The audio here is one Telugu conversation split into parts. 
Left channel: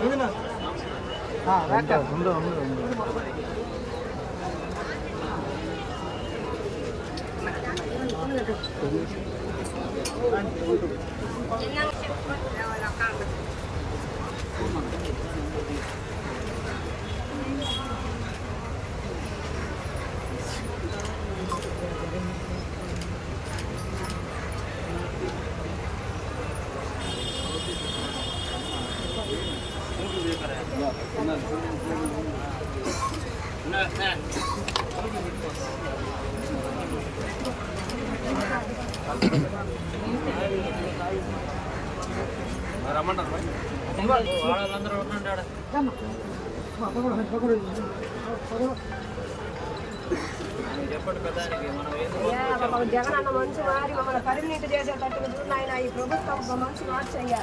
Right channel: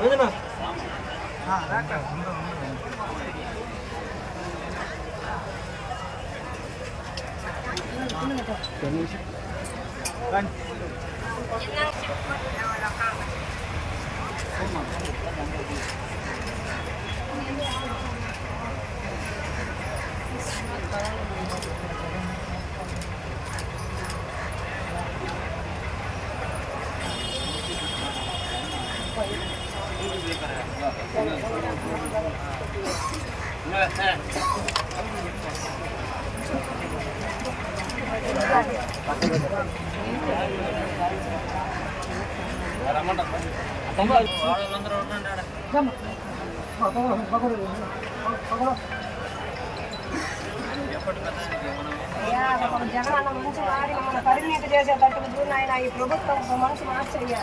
여기는 아, 뭔가 없는 거 옛날 친구들 나와. జగన్ అన్న మంచి మారి మమ్మల్ని పరిణీతి చేసేటట్టుగా చూడు నాయన ఈ ప్రభుత్వం ఒక మంచి మార్చయ్యా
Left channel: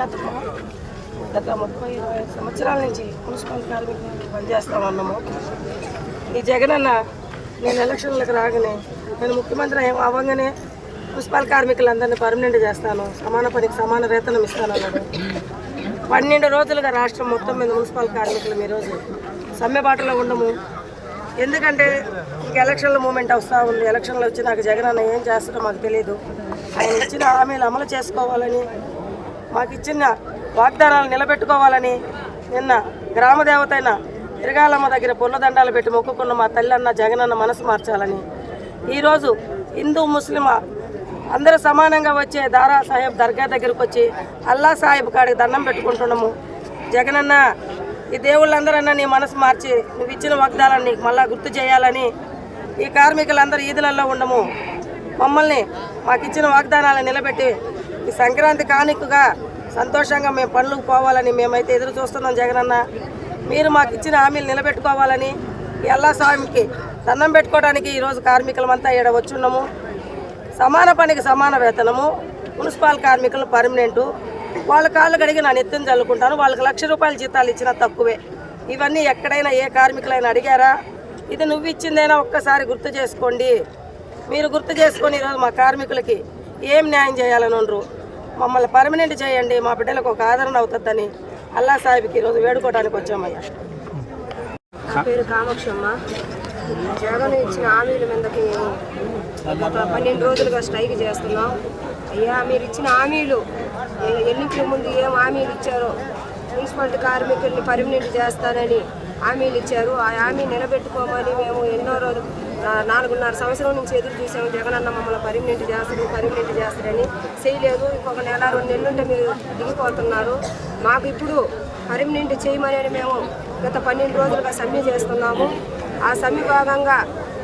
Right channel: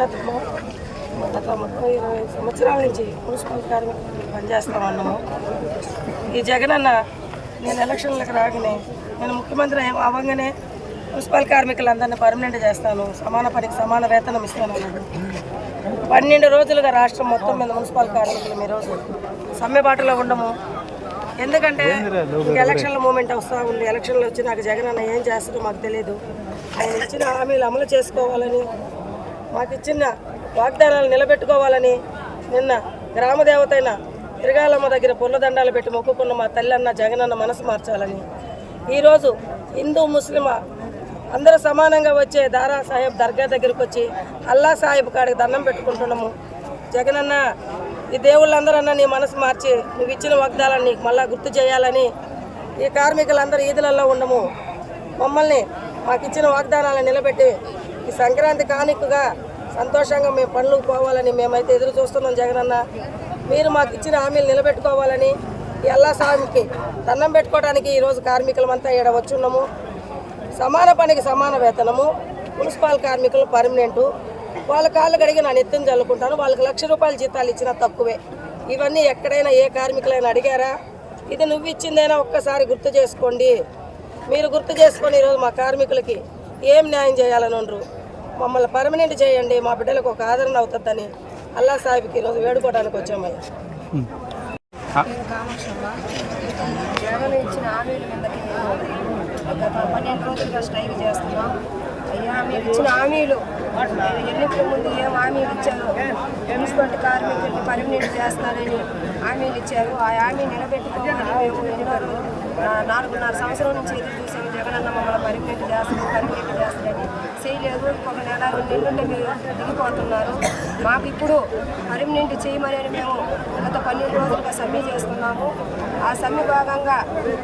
జాతకం గత ముప్పై ఇరవై సంవత్సరాల నుంచి మున్సిపల్ కార్మికులు పనిచేస్తా ఉన్నాము. ఈ జగనన్న నేను ఎలక్షన్లకు రాగానే నేను ముఖ్యమంత్రి అవ్వగానే మున్సిపల్ కార్మికులందరినీ పర్మనెంట్ చేస్తాను. సమాన పనికి సమాన వేతనం ఇస్తాను అన్నాడు. పన్నెండు రోజులుగా రాష్ట్రం మొత్తం మీద మున్సిపల్ కార్మికులు ఈరోజు సమ్మెబాటులో ఉండము. ఎందుకంటే ఇంక ఎలక్షన్ల మూమెంట్ వస్తూ ఉంది. ఎలక్షన్లు వచ్చి నాకు జగన్ అన్న ఏం చేస్తాడో మాకు తెలియదు ఆయన ఇచ్చిన హామీలు అమలు చేసుకోవాలని మాకు ఇచ్చిన వాగ్దానాలు నిలబెట్టుకోవాలని నిన్న గ్రామ తిరగాలమ్మ దగ్గర పొల్లదండాలు పెట్టి మొక్కుకున్న మా తల్లి అన్న జగనన్న మనసు మార్చాలని. ఈరోజు హిందూ ముస్లిం అందరూ సమానంగా వచ్చే దారా సాహెబ్ దర్గా దగ్గరకు వచ్చి అల్లా సాహెబ్ కాడికి దండం పెట్టుకుంటున్నాము. జగనన్న ఈ దేవుళ్ళందరన్నా నీ మనసు మార్చి నువ్వు ఇచ్చిన వాగ్దాలను నీకు మళ్ళా గుర్తు చేయాలని ఈ కార్మికులందరూ ఈదులలో ఉండము. మమ్మల్ని మాకు ఇచ్చిన వాగ్దానాలను నిలబెట్టి ఈ సంక్రాంతి కానుకగా సంతోషంగా మేము పనులకు పోవాలని మేమైతే ఎదురు చూస్తున్నాం జగనన్న. మీరు మాకు ఇచ్చిన హామీలు నిలబెట్టుకోవాలని ఎల్లా స్వామికి దండం పెట్టుకోవడానికి ఈరోజు కార్మికులమంతా ఇక్కడ వచ్చున్నాము. సమాన పనికి సమాన వేతనము మున్సిపల్ కార్మికులు పర్మనెంటు. వాళ్ళ కాళ్ళు కడిగి నా నెత్తిని చల్లుకుంటాను వాళ్ళకి లక్ష రూపాయల జీతాలు ఇచ్చినా తక్కువే. ఇవన్నీ ఎక్కడైనా ఏ కార్మికులైనా అడిగారా? ఇది నువ్వు ఇచ్చిందైనా ఒక్కసారి గుర్తు చేసుకోండి. మీరు గుర్తు చేసుకొని ఈరోజు మా కార్మికులకి ఏం న్యాయం చేయాలని మమ్మల్ని పర్మనెంట్ చేయండి మా బిడ్డలకు ఒక ఆదరణ అవుతుందని అల్లా సాహిబ్కి ఈరోజు వేడుకోవడానికి వచ్చామయ్యా. పేరు కామాక్షమ్మ. జగన్ ఇచ్చిన హామీల మీదకి గత పన్నెండు రోజులుగా స్ట్రైక్ చేస్తున్నాం. అయ్యా మీరు ఇచ్చిన హామీలు ఎన్నికల ముందు ఏం హామీలు ఇచ్చారో మున్సిపాలిటీ కార్మికుల్ని పర్మనెంట్ చేస్తానని హామీలు ఇచ్చారు. ఆ హామీ నిలబెట్టుకోమని మేము ఎన్నో రోజులు నాలుగున్నర సంవత్సరం నుంచి ఎదురు చూసాము జగనన్న మమ్మల్ని పర్మనెంట్ చేస్తారు పర్మనెంట్ చేస్తారని చేయలేదు ఇంకొక నెల రెండు నెలలుంటే మీరు దిగిపోతున్నారు. మాకు ఇప్పుడు పర్మనెంట్ చేయమని మేము గత పన్నెండు రోజులుగా సమ్మె చేస్తున్నాము. ఆ సమ్మె భాగంగా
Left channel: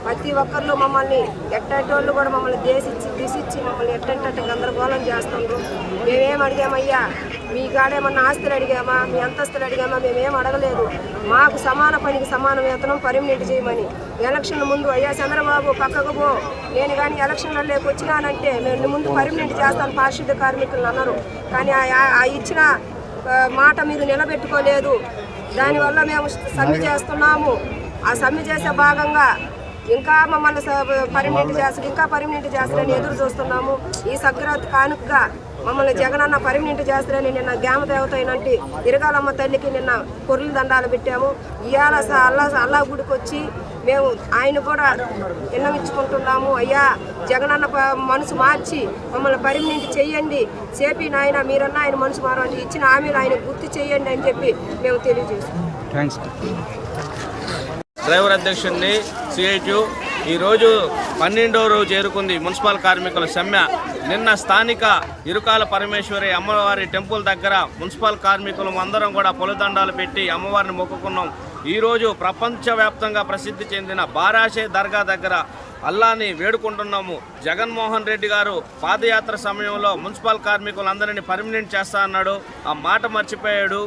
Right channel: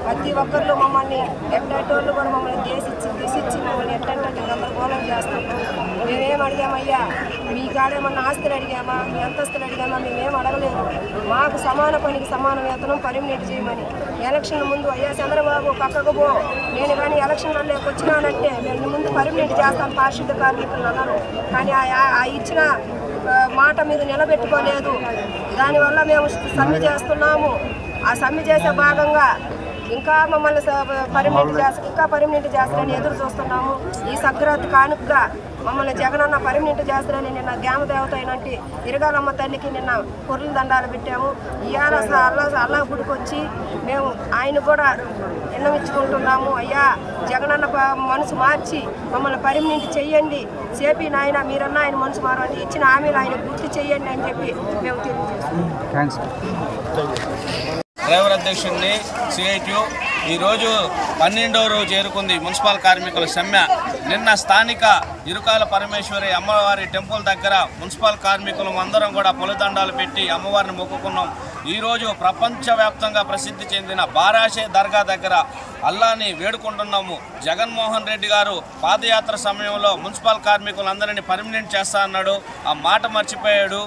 ప్రతి ఒక్కరు మమ్మల్ని ఎట్టేటోళ్ళు కూడా మమ్మల్ని దేశిచ్చి దిశిచ్చి మమ్మల్ని ఎట్టేటట్టు గందరగోళం చేస్తుండ్రు మేమేం అడిగామయ్యా? మీ కాడేమన్నా ఆస్తులు అడిగామా? మీ అంతస్తులు అడిగామా? మేమేం అడగలేదు. మాకు సమాన పనికి సమాన వేతనం పర్మనెంట్ చేయమని. ఎలక్షన్ ముందు అయ్యా చంద్రబాబు పక్కకు పో. నేను కానీ ఎలక్షన్లలోకి వచ్చినానంటే మేము నీ ముందు పర్మనెంట్ చేస్తాను పారిశుద్ధ కార్మికులు అన్నారు కానీ ఆ- ఇచ్చిన మాట మీరు నిలబెట్టుకోలేదు. దానివల్ల మేము సమ్మె చేస్తున్నాము. ఆ సమ్మె చేసే భాగంగా ఇంకా మమ్మల్ని పర్మనెంట్ చేస్తారు. ఇంకా పర్మనెంట్ చేస్తారని ఎదురు చూస్తున్నాము. ఈ సంక్రాంతి కానుకగా మమ్మల్ని జగనన్న పర్మనెంట్ చేస్తారని నిన్న గ్రామ దేవత అయినట్టు ఇరగాలమ్మ తల్లికి నిన్న పొర్లు దండాలు పెట్టాము. ఇవాళ అల్లా అల్లా గుడికి వచ్చి మేము ఆయన కూడా విన్నవించుకుంటున్నాము. అయ్యా జగనన్న మనసు మార్చి మమ్మల్ని పర్మనెంట్ చెయ్యండి చేపి నాయన మీరన్నా ఆయన మనసు మారండి ఇచ్చిన హామీలు ఆయన గుర్తు చెయ్యండి అని చెప్పి మేము తెలియజేస్తున్నాం. థ్యాంక్స్. డ్రైవర్ అధ్యక్షుడిని సిఐటియు ఈరోజు పన్నెండవ రోజు చేరుకుంది మున్సిపల్ కార్మికుల సమ్మె. నిన్న స్థానిక ఇరుకాల పరమేశ్వరి అమ్మవారి టెంపుల్ దగ్గర మున్సిపల్ కార్మికులు అందరం కూడా పొలదండాలు పెట్టి అమ్మవారిని మొక్కుకున్నాం. ఈరోజు ప్రపంచవ్యాప్తంగా ప్రసిద్ధి చెందిన బారాషే దర్గా దగ్గర అల్లాని వేడుకుంటున్నాము. జగన్మోహన్ రెడ్డి గారు పాదయాత్ర సమయంలో మున్సిపల్ కార్మికులందరినీ పర్మినెంట్ చేస్తా అన్నాడు. ఆ మాట మర్చిపోయాడు.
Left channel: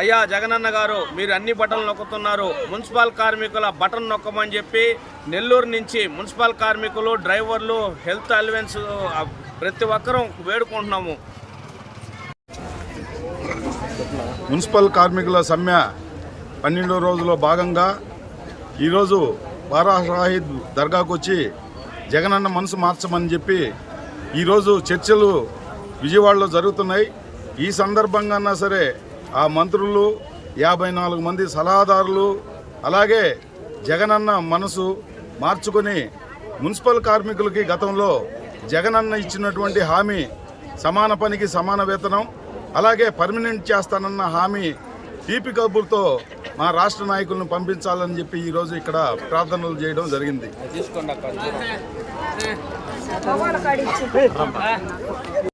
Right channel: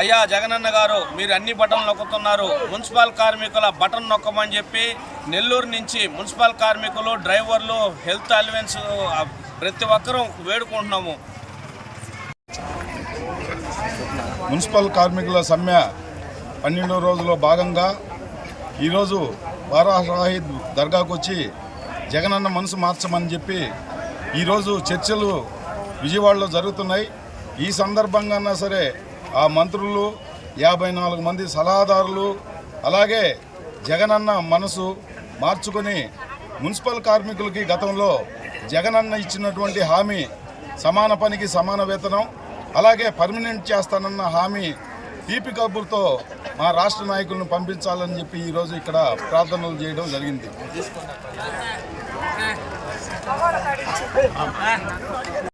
అయ్యా జగనన్న గారు మీరు అన్ని బటన్లు నొక్కుతున్నారు. మున్సిపల్ కార్మికుల బటన్ నొక్కమని చెప్పి నెల్లూరు నుంచి మున్సిపల్ కార్మికులు డ్రైవర్లు హెల్త్ అలవెన్స్ ప్రతి ఒక్కరూ వేడుకుంటున్నాము. మున్సిపల్ కార్మికుల సమ్మె పన్నెండో రోజులో భాగంగా ఈరోజు బారా షాహిద్ దర్గాకు వచ్చి జగనన్న మనసు మార్చమని చెప్పి ఈరోజు చర్చలు విజయవాడలో జరుగుతున్నాయి. ఈ సందర్భంగా సరే ఆ మంత్రులు యాభై నాలుగు మంది సలహాదారులు అలాగే జగనన్న మనసు మార్చుకొని మున్సిపల్ కార్మికులకి గతంలో జగనన్న ఇచ్చినటువంటి హామీ సమాన పనికి సమాన వేతనం అలాగే పర్మనెంట్ చేస్తానన్న హామీ తీపి కబుర్తో మా రాష్ట్ర నాయకులను పంపించాలని చెప్పి ఈరోజు ఇక్కడ ప్రార్థనలు చేయడం జరిగింది.